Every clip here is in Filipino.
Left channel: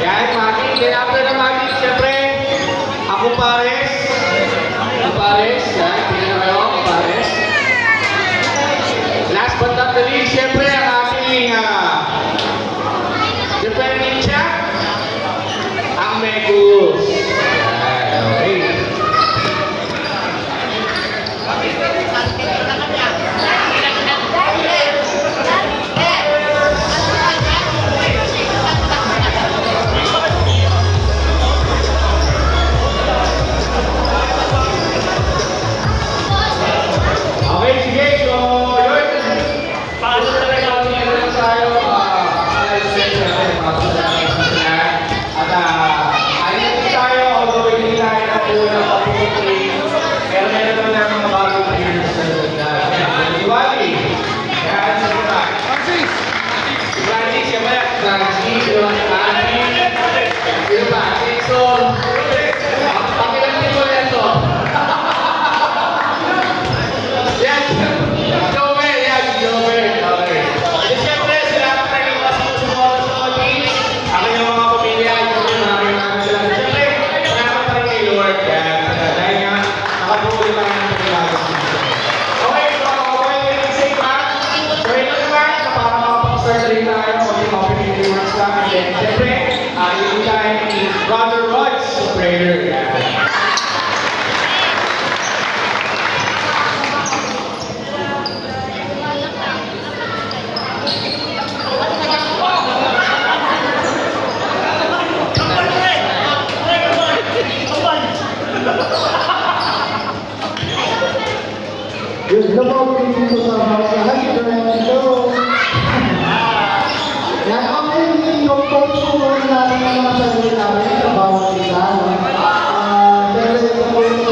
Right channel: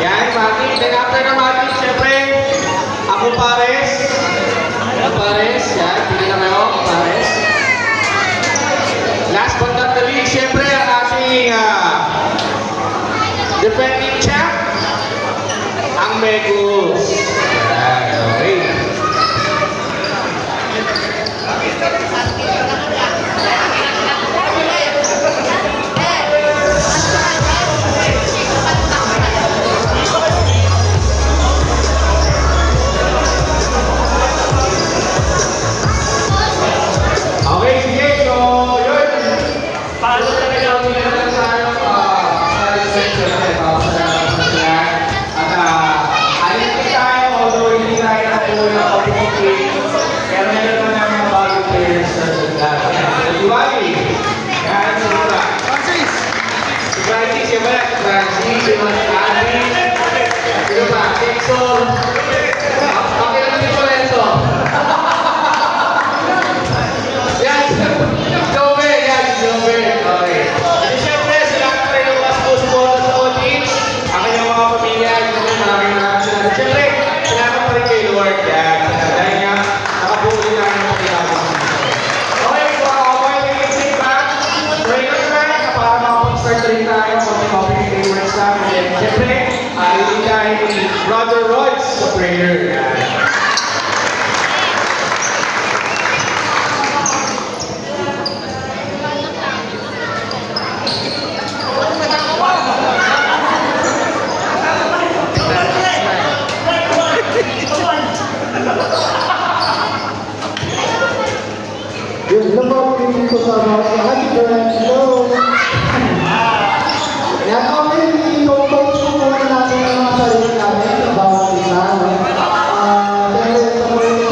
Yan, Maki. Then after na Maki, siyempre, ako pares. Ako pares. Yan, pili na kayo. Ako pares. Last but not the least, siyempre, ang aking defending champ, ang Megus. Yan, okay. Okay, sige. So, yun. Paano talaga ang meron tayo sa research natin? At ayun po tayo, although hindi tayo nakuha ng opportunity, pero meron naman namin mga bagong players sa lahat. Diwali. Yan, sa iba. Si Francis, yung ba? Francis, yung mga Francis. Yung ba? So, pakilang dito yan so. Yan, Joey, yan, Joey. Okay. And syempre, salamat tayo mga sponsors sa all teams. Ang inyong mga pamilya, maraming salamat. Syempre, salamat pa rin kay Lord. Yan. Dahil nga, makabuhay na namin kayo mga okay, so okay, let's say back. Pray lang naman na para makapag-start rin tayo sa mga opening remarks lang. And then, syempre, ayun tayo ni Brother Rods sa prayer. Yan. Yung lumang dito sa mga halimutan ito. Kaya kami i-coach ko muna natin ang mga sarili namin sa bawat isa. Dahil ito po yung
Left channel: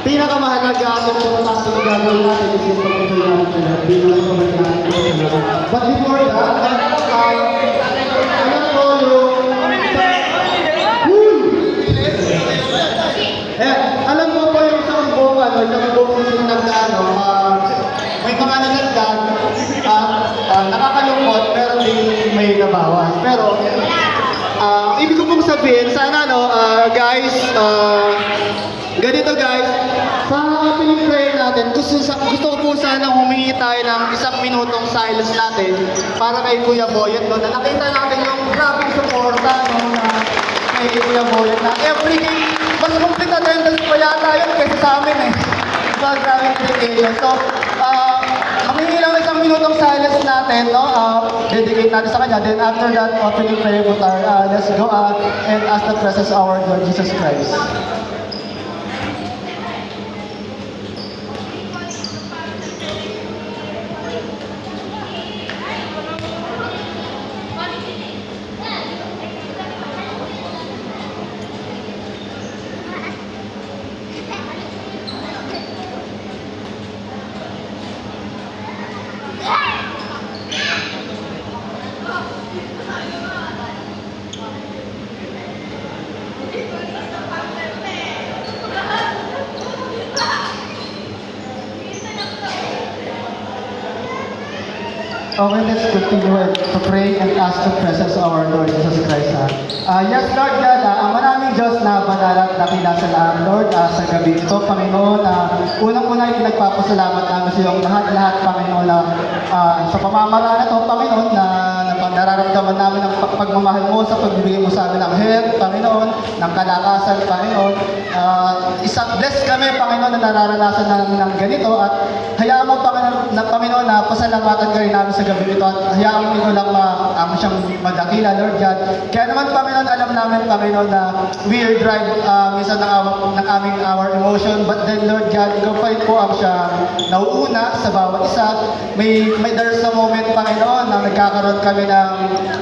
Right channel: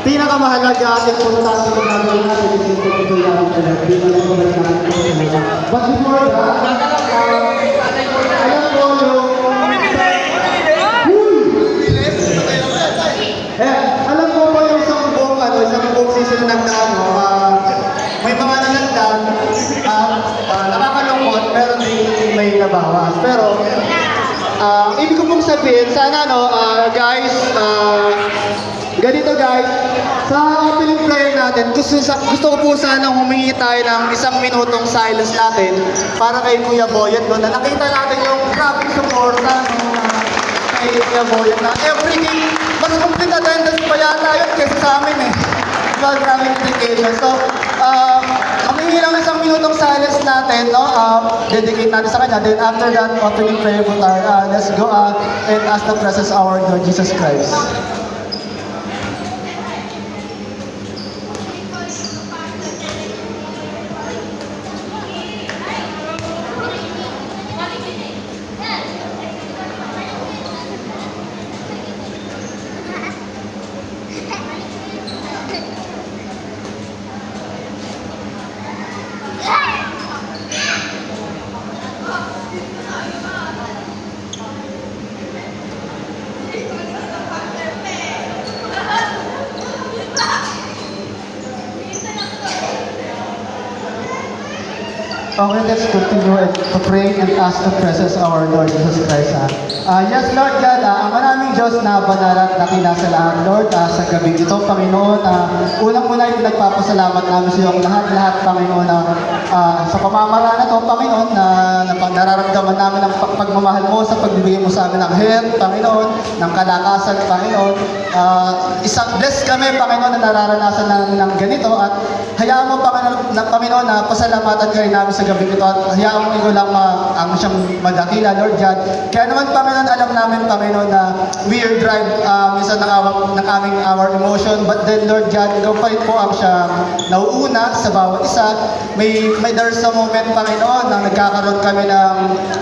pinakamahalaga at importante na gagawin natin yung pagtutuloy natin sa lahat. Pinakamahalaga natin sa lahat. But before that, alam ko yung alam mo po yung isang buong season ng may mga nilagdag, nakakalungkot, pero din may nabawas. Pero, ibig ko pong sabihin, sana guys, ganito guys, sa piling prayer natin, gusto ko po sanang humingi tayo ng 1 minutong silence natin para kay Kuya Boyet doon. Na nakita natin yung grabing suporta kay Kuya Boyet na every game, mas complete attendance pa yata yun kaysa sa amin eh. Well, maraming dedication. So, humingi lang 1 minutong silence natin, no? Dedicate natin sa kanya. Then after that, opening prayer with our, let's go and ask the presence of our Lord Jesus Christ. Okay, let's continue to pray and ask the presence of our Lord Jesus Christ. Yes, Lord God, ang maraming Diyos na banal at dakila sa lahat, Lord, sa gabi ito, Panginoon, unang-una ay nagpapasalamat namin sa iyo ang lahat-lahat, Panginoon, sa pamamaraan na ito, Panginoon, na nararamdaman namin ang pagmamahal mo sa pagbibigay mo sa amin ng health, Panginoon, ng kalakasan, Panginoon. Isang bless kami, Panginoon, na nararanasan ng ganito at hayaan mo, Panginoon, na pasalamatan ka rin namin sa gabi ito at hayaan mo lang siyang madakila, Lord God. Kaya naman, Panginoon, alam namin, Panginoon, na we are drive minsan ng our emotion, but then, Lord God, ikaw pa rin po ang siya nauuna sa bawat isa. There's a moment, Panginoon, na nagkakaroon kami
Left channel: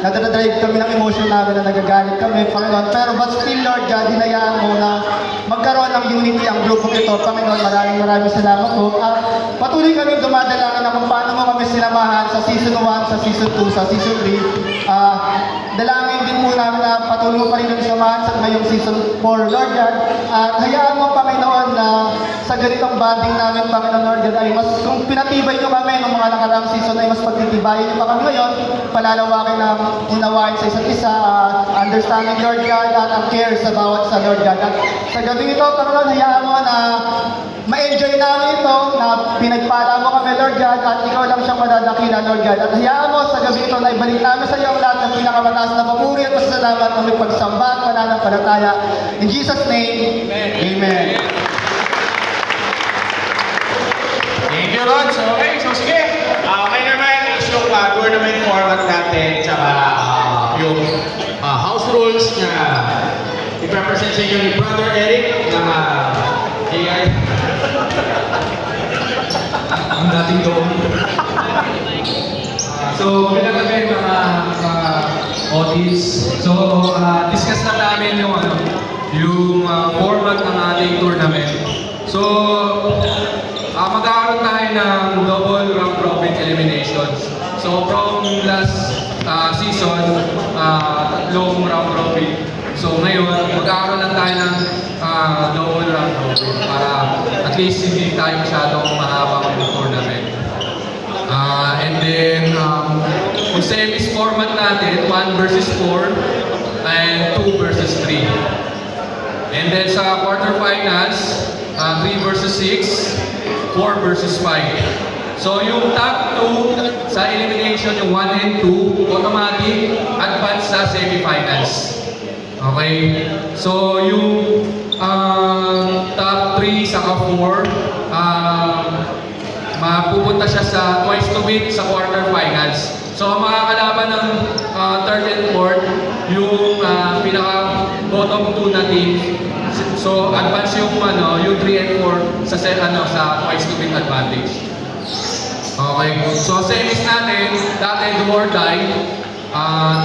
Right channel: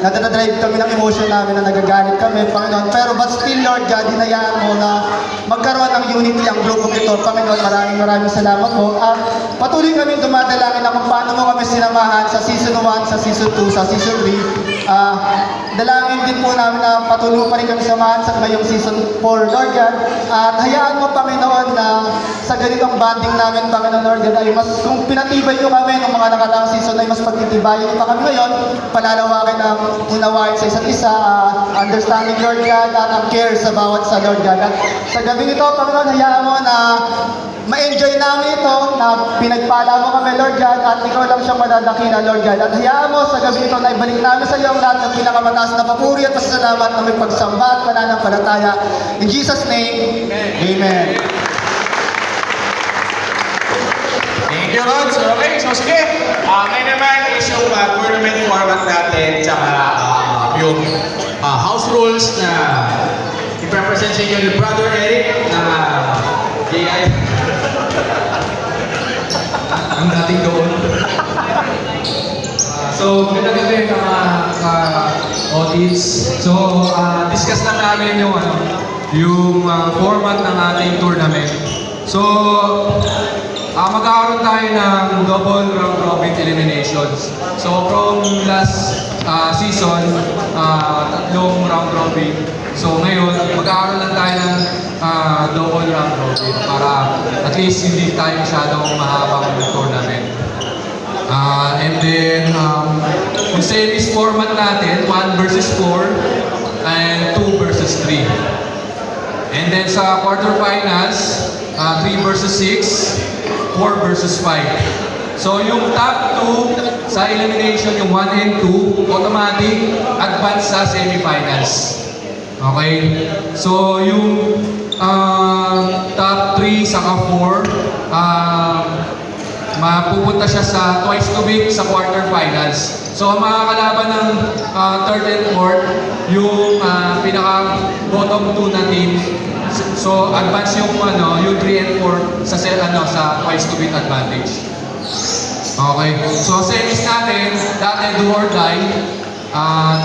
nadadrive kami ng emotion namin na nagagalit kami, Panginoon. Pero but still, Lord God, hinayaan mo na magkaroon ng unity ang grupo ito, Panginoon. Maraming salamat po. At patuloy kami dumadalangin na kung paano mo kami sinamahan sa season 1, sa season 2, sa season 3. Dalangin din po namin na patuloy pa rin kami samahan sa ngayong season 4, Lord God. At hayaan mo, Panginoon, na sa ganitong banding namin, Panginoon, Lord God, ay mas kung pinatibay nyo kami ng mga nakaraang season ay mas pagtitibayin nyo pa kami ngayon palalawakin ng unawain sa isa't isa, understanding, Lord God, at ang care sa bawat sa Lord God. At sa gabi ito, Panginoon, hayaan mo na ma-enjoy namin ito, na pinagpala mo kami, Lord God, at ikaw lang siyang madadakila, Lord God. At hayaan mo sa gabi ito na ibalik namin sa iyo ang lahat ng pinakamataas na papuri at pasalamat na may pagsamba at pananampalataya. In Jesus' name, Amen. Thank you, Rods. Okay, so sige. May naman is yung tournament format natin, tsaka yung house rules na i-represent sa inyo ni Brother Eric na JI. Ang dating doon. So, magandang gabi mga audience. So, discuss na namin yung format ng ating tournament. So, magkakaroon tayo ng double round robin eliminations. So, from last season, tatlong round robin. So, ngayon, magkakaroon lang tayo ng double round robin para at least hindi tayo masyadong mahabang tournament. And then, kung series format natin, 1 versus 4 and 2 versus 3. And then sa quarterfinals, 3 versus 6, 4 versus 5. So yung top 2 sa elimination, yung 1 and 2, automatic advance sa semifinals. Okay? So yung top 3 saka 4, mapupunta siya sa twice to beat sa quarterfinals. So ang mga kalaban ng third and fourth, yung pinaka bottom 2 na team. So advance yung 3 and 4 sa twice to beat advantage. Okay. So series natin, dati do or die.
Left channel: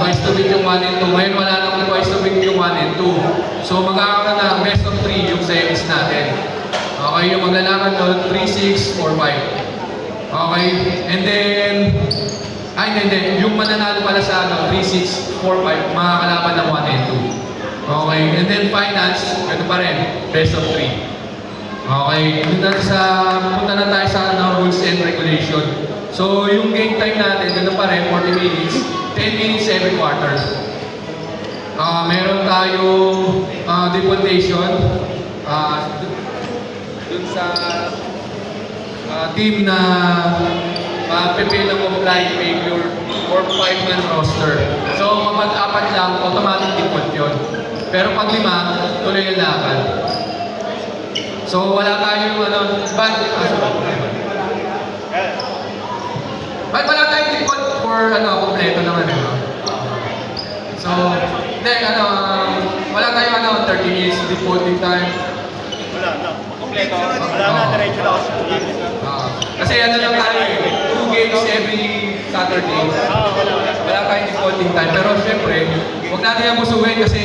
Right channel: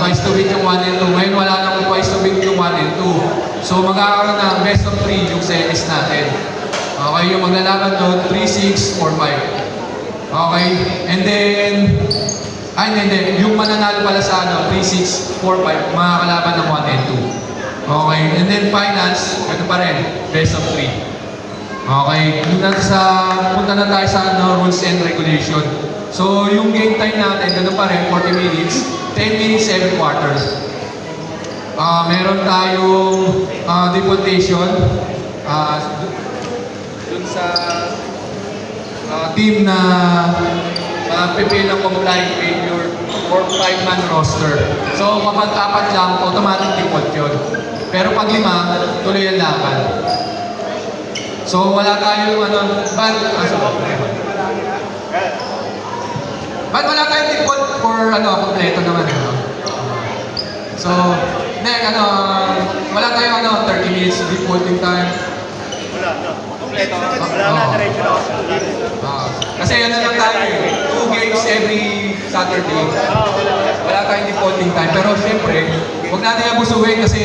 Twice to beat yung 1 and 2. Ngayon wala nang twice to beat yung 1 and 2. So magkakaroon ng best of 3 yung series natin. Okay, yung maglalaban doon, 3, 6, 4, 5. Okay, and then, yung mananalo pala sa 3, 6, 4, 5, mga kalaban ng 1 and 2. Okay, and then finals, ito pa rin, best of 3. Okay, punta na tayo sa rules and regulation. So, yung game time natin, ganoon pa rin, 40 minutes, 10 minutes, 7 quarters. Meron tayong deportation, dun sa team na pipil ng compliant behavior or 5-man roster. So, kapag 4 lang, automatic default yun. Pero pag 5, tuloy ang laban. So, wala tayong ba't wala tayong default for kompleto naman? So, wala tayong 30 minutes defaulting time. Kasi lang tayo, 2 games every Saturday. Wala tayong defaulting time. Pero syempre, huwag natin abusuhin kasi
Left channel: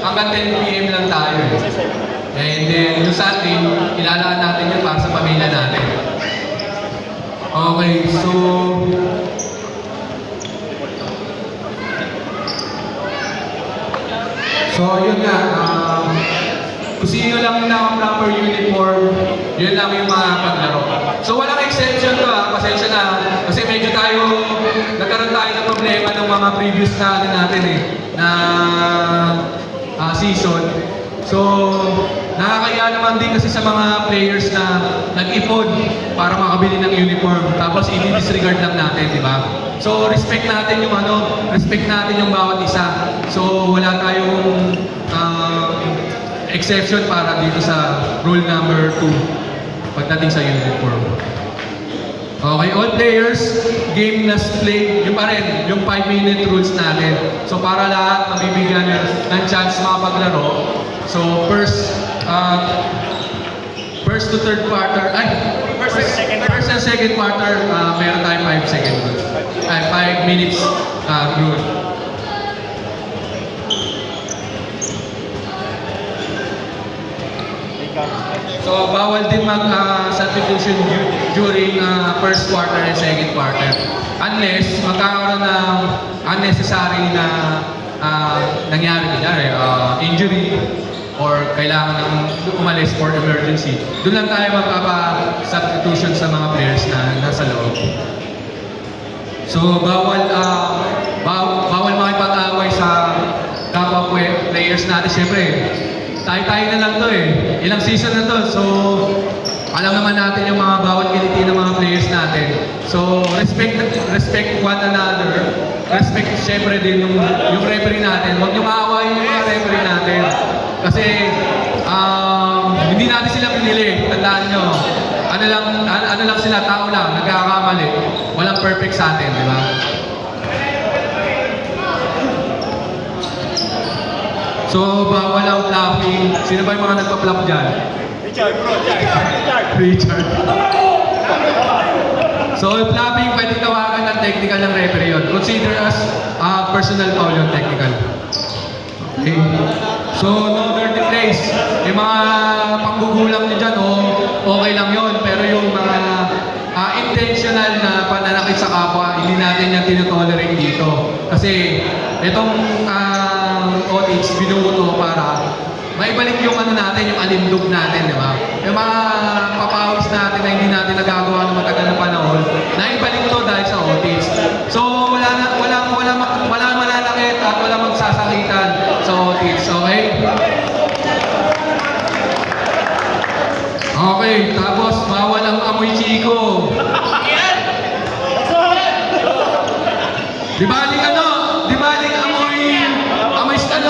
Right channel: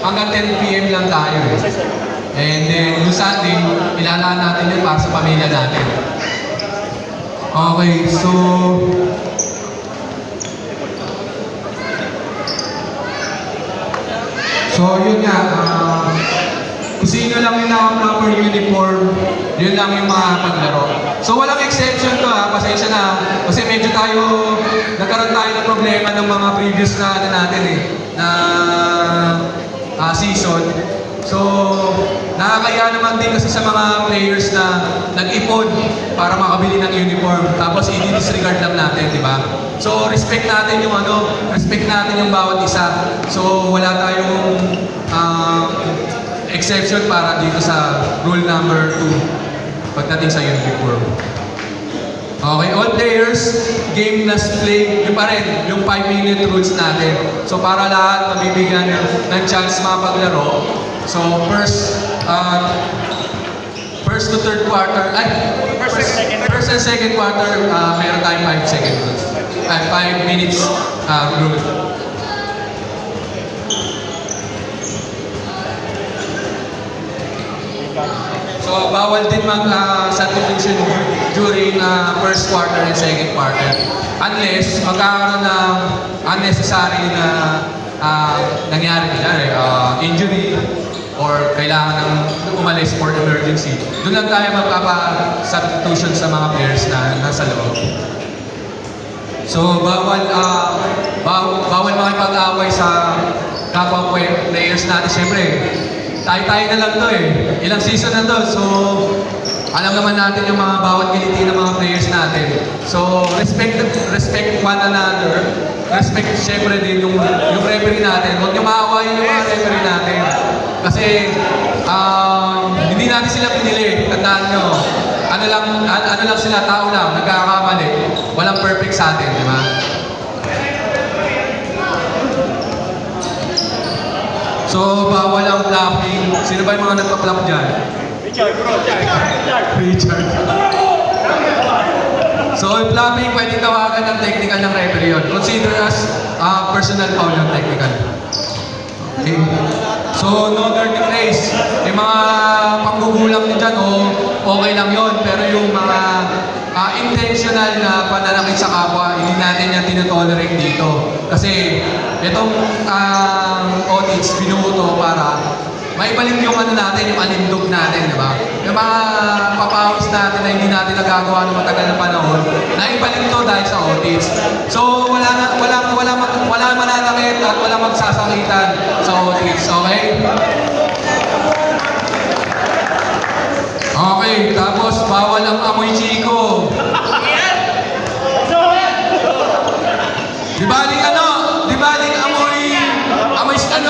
hanggang 10 PM lang tayo. And then, yung Sunday, ilalaan natin yung para sa pamilya natin. Okay, so yun nga, kung sino lang yung number uniform, yun lang yung makakapaglaro. So walang exception to pasensya na. Kasi medyo nagkaroon tayo ng problema ng mga previous na season. So, nakakaya naman din kasi sa mga players na nag-ipon para makabili ng uniform. Tapos i-disregard lang natin, di ba? So, respect natin yung bawat isa. So, wala tayong exception para dito sa rule number 2 pagdating sa uniform. Okay, all players, game last play, yung pa rin, yung 5-minute rules natin. So para lahat mabibigyan ng chance makapaglaro. So first to third quarter, first and second quarter, meron tayong 5 minutes rule. So, bawal din mag-substitution during first quarter and second quarter. Unless magkakaroon ng unnecessary na nangyari injury or kailangan umalis for emergency. Doon lang tayo magpapa-substitution sa mga players na nasa loob. So, bawal makipag-away sa kapwa players natin. Siyempre, tayo-tayo na lang to eh. Ilang season na to. So, alam naman natin yung mga bawat kiliti ng mga players natin. So, respect one another. Respect siyempre din yung referee natin. Huwag niyo maawayin yung mga referee natin. Kasi, hindi natin sila pinili. Tandaan nyo. Ano lang sila, tao lang, nagkakamali. Walang perfect sa atin, di ba? So, bawal ang flapping. Sino ba yung mga nagpa-flap dyan? Richard. So, yung flapping, pwede tawagan ng technical ng referee yun. Consider as personal foul yung technical. Okay. So, no dirty plays. May mga panggugulang din dyan, okay lang yun. Pero yung mga intentional na pananakit sa kapwa, hindi natin yan tinotolerate dito. Kasi, itong OH, binuto para maibalik yung natin, yung alindog natin, di ba? Yung mga papawis natin na hindi natin nagagawa ng matagal na panahon, naibalik to dahil sa OH. So, wala mananakit at wala magsasakitan sa OH, okay? Okay, tapos bawal ang amoy chiko. Di baling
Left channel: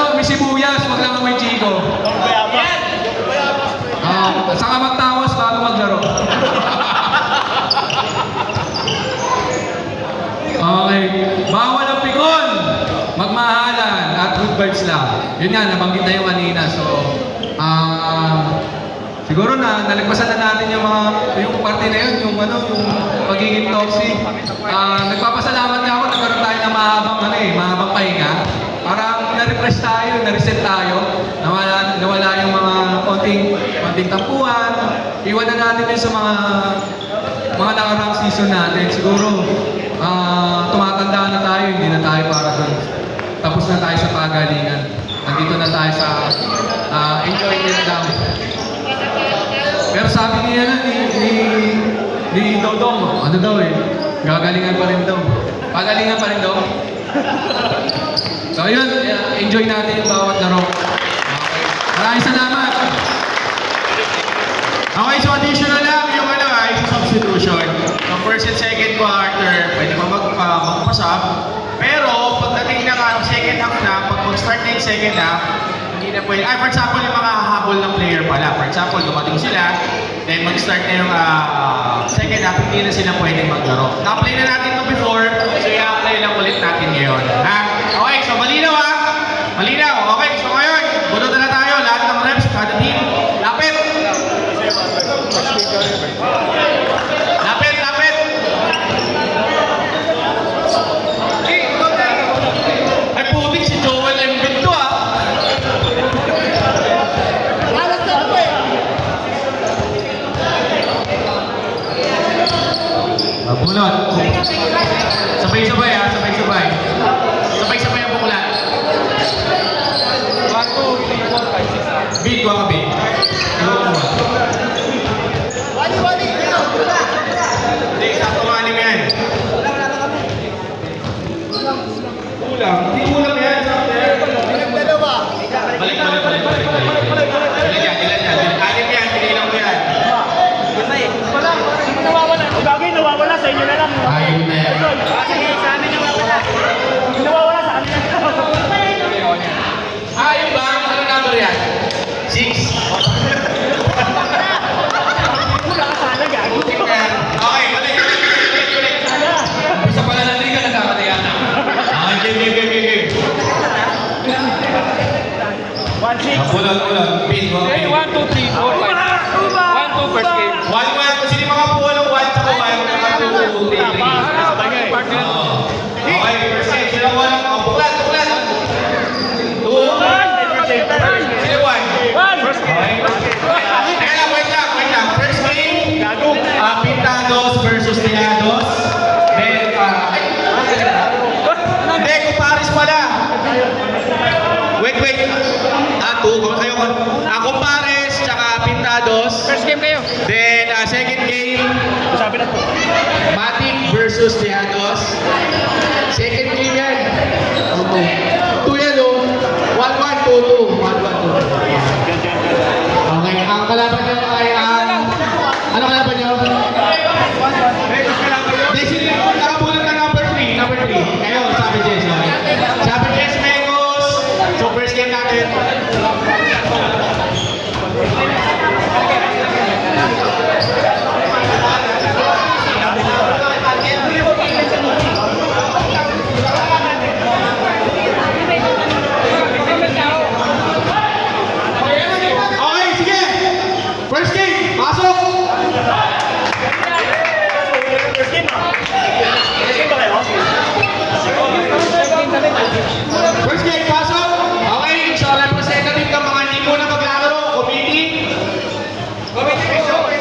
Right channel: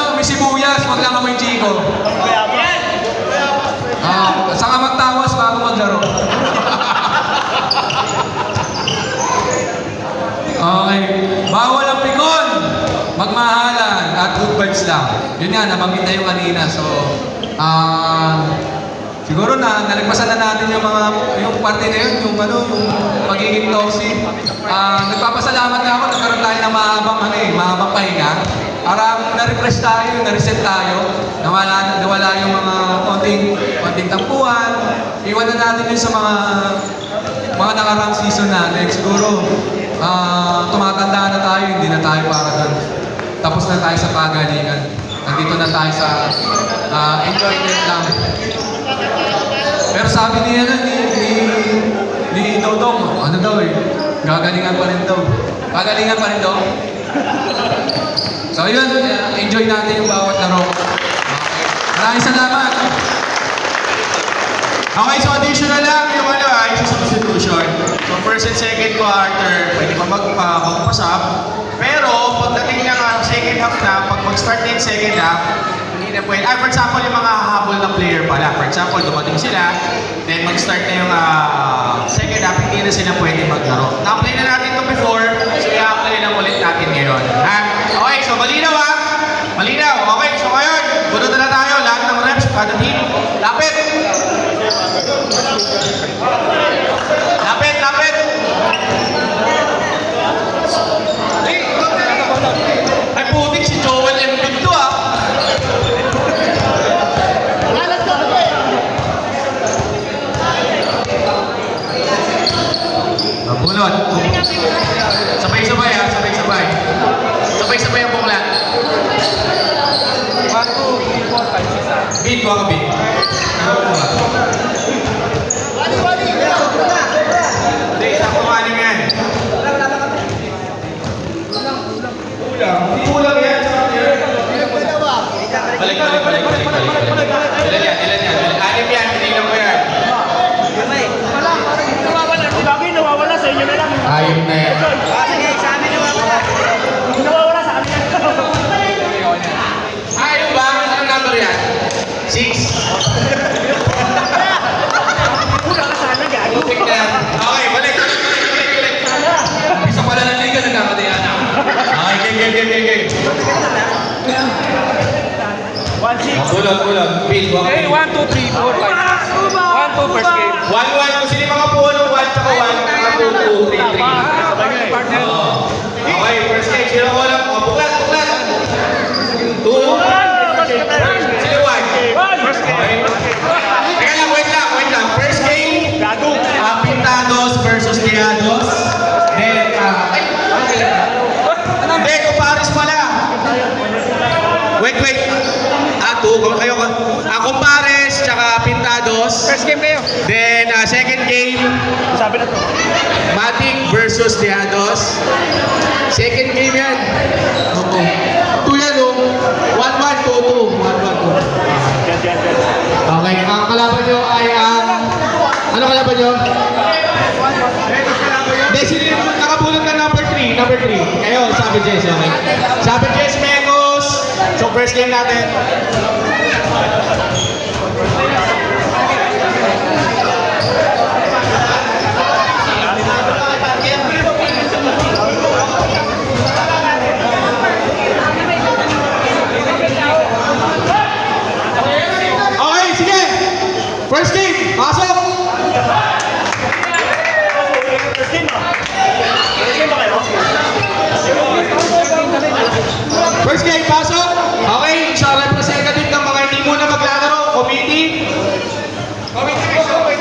amoy sibuyas, wag lang amoy chiko. Saka magtawas bago maglaro. Okay, bawal ang pikon, magmahalan at good vibes lang. Yun nga, nabanggit na yung kanina. So, siguro nalagpasan na natin yung parte na yun, yung pagiging toxic. Nagpapasalamat nga ako, nagkaroon tayo ng mahabang pahinga. Parang na-refresh tayo, na-reset tayo. Nawala yung mga konting tampuhan. Iwan na natin yun sa mga nakarang season natin. Siguro, tumatanda na tayo, hindi na tayo parang tapos na tayo sa pagalingan. Nandito na tayo sa enjoyment lang. Pero sabi ni Dodong, ano daw eh, gagalingan pa rin daw. Gagalingan pa rin daw. So yun, enjoy natin yung bawat laro. Maraming salamat. Okay, so audition na lang yung substitution. So first and second ko, Arthur, pwede ko magpasap. Pero pagdating ng second half na, pag mag-start na yung second half, hindi na pwede. For example, yung mga hahabol na player pala. For example, dumating sila, then mag-start na yung second half, hindi na sila pwede maglaro. Na-apply na natin ito before, so i-apply lang ulit natin ngayon. Okay, so malinaw ha? Malinaw. Okay, so ngayon, bunod na tayo. Lahat ng reps, kada team. Lapit! Lapit! Ay, putik si Joel Embiid to ah. Bunod. Sabay-sabay ha, sabay-sabay. Sabay-sabay ang bukla. 1, 2, 3, 4, 5, 6. Beat, mga beat. Hindi, sakto maning yan. Kulang. Hindi kulang yan. Balik. Ilan yan. Anim yan, pinilang ko yan. Nawawala sa inyo na lang. Ayun na yan. Sige, sa amin nawawala. Nawawala sa kanila. Yung ba? Ano number yan? 6. Putik na yan. Okay, balik. Isa pala ng liga, nagkakatayan. Okay, game. 1-6. Kulang. Beat, mga beat. 1, 2, 3, 4, 5, 6. 1, 2, first game. 1-1. Kung sino yung mga puwan ng 1 tsaka 1, mga 2, 3, 3. Okay, first game. Sino walang? Buklat. 2. Sino 1? Teka lang, wait lang. First game, Pintados versus Tejados. Then, hindi, Compares pala. Wait. Kayo. Compares, tsaka Pintados. First game kayo. Then, second game, Sabi na to. Matic versus Diados. Second game yan. 2 yan oh. 1-1, 2-2. 1-1, 2. Okay, ang kalaban nyo ay ang... Ano kalaban nyo? Destiny, nakabulat na number 3. Number 3. Kayo, sabi Jess, okay? Sabi Jess, Mengos. So, first game natin. Okay, sige! First game, pasok! First game, pasok! Okay, sa representative ng mga hindi muna maglalaro, committee. Okay, dito. Okay,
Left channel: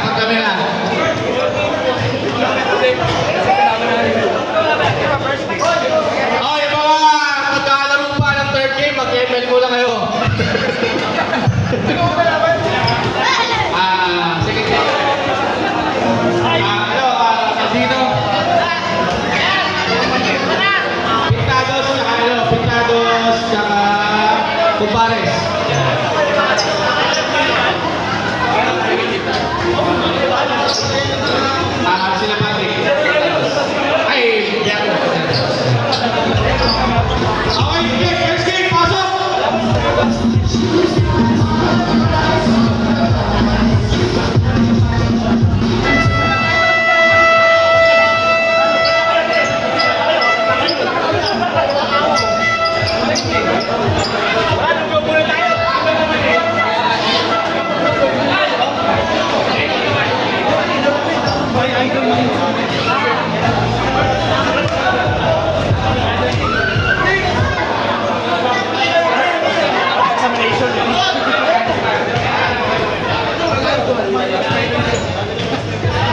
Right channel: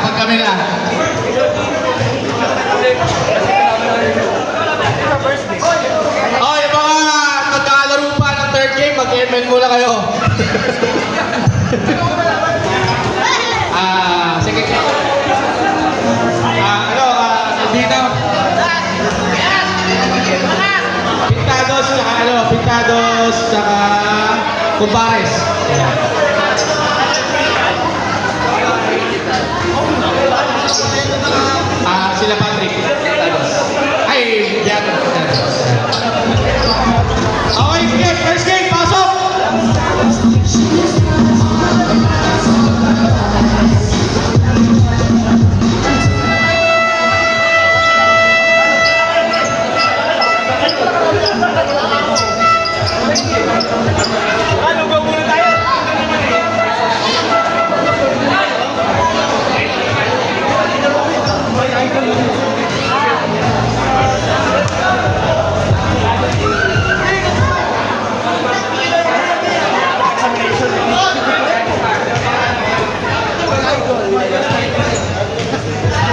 pag kami lang. Oh, yung mga maglalaro pa ng third game, mag-ML muna kayo. Sige. Dito. Pintados, saka Kumpares. Sila Patrick. Ay, Diago. Okay, sige, first game, pasok!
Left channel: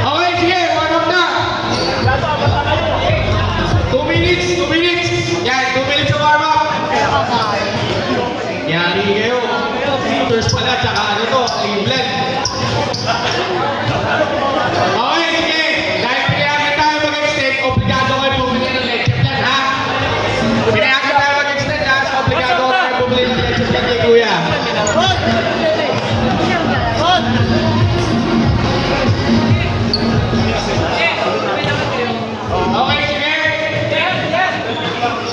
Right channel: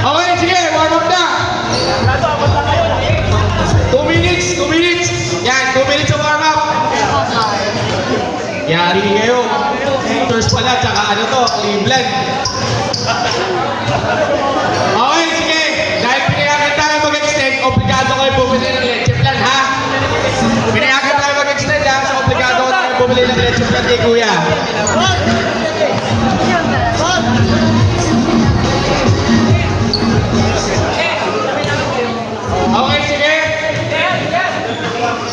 Okay, sige, warm up na. 2 minutes, 2 minutes. Yan, 2 minutes sa warm up. Yari kayo. First pala, tsaka ano to, Cleveland. Okay, sige. Dahil pinayagan tayo mag-extend, obligado kayo bumili ng leche plan, ha? Pinayagan tayo mag-extend, ha? So, obligado tayo bumili ng leche plan kay Kuya. Okay, sige.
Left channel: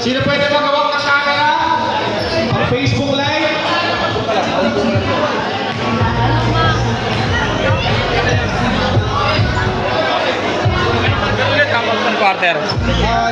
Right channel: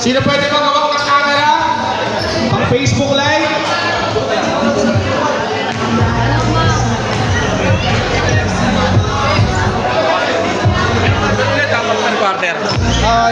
Sino pwede magawag ng camera? Pang Facebook Live? Quarter.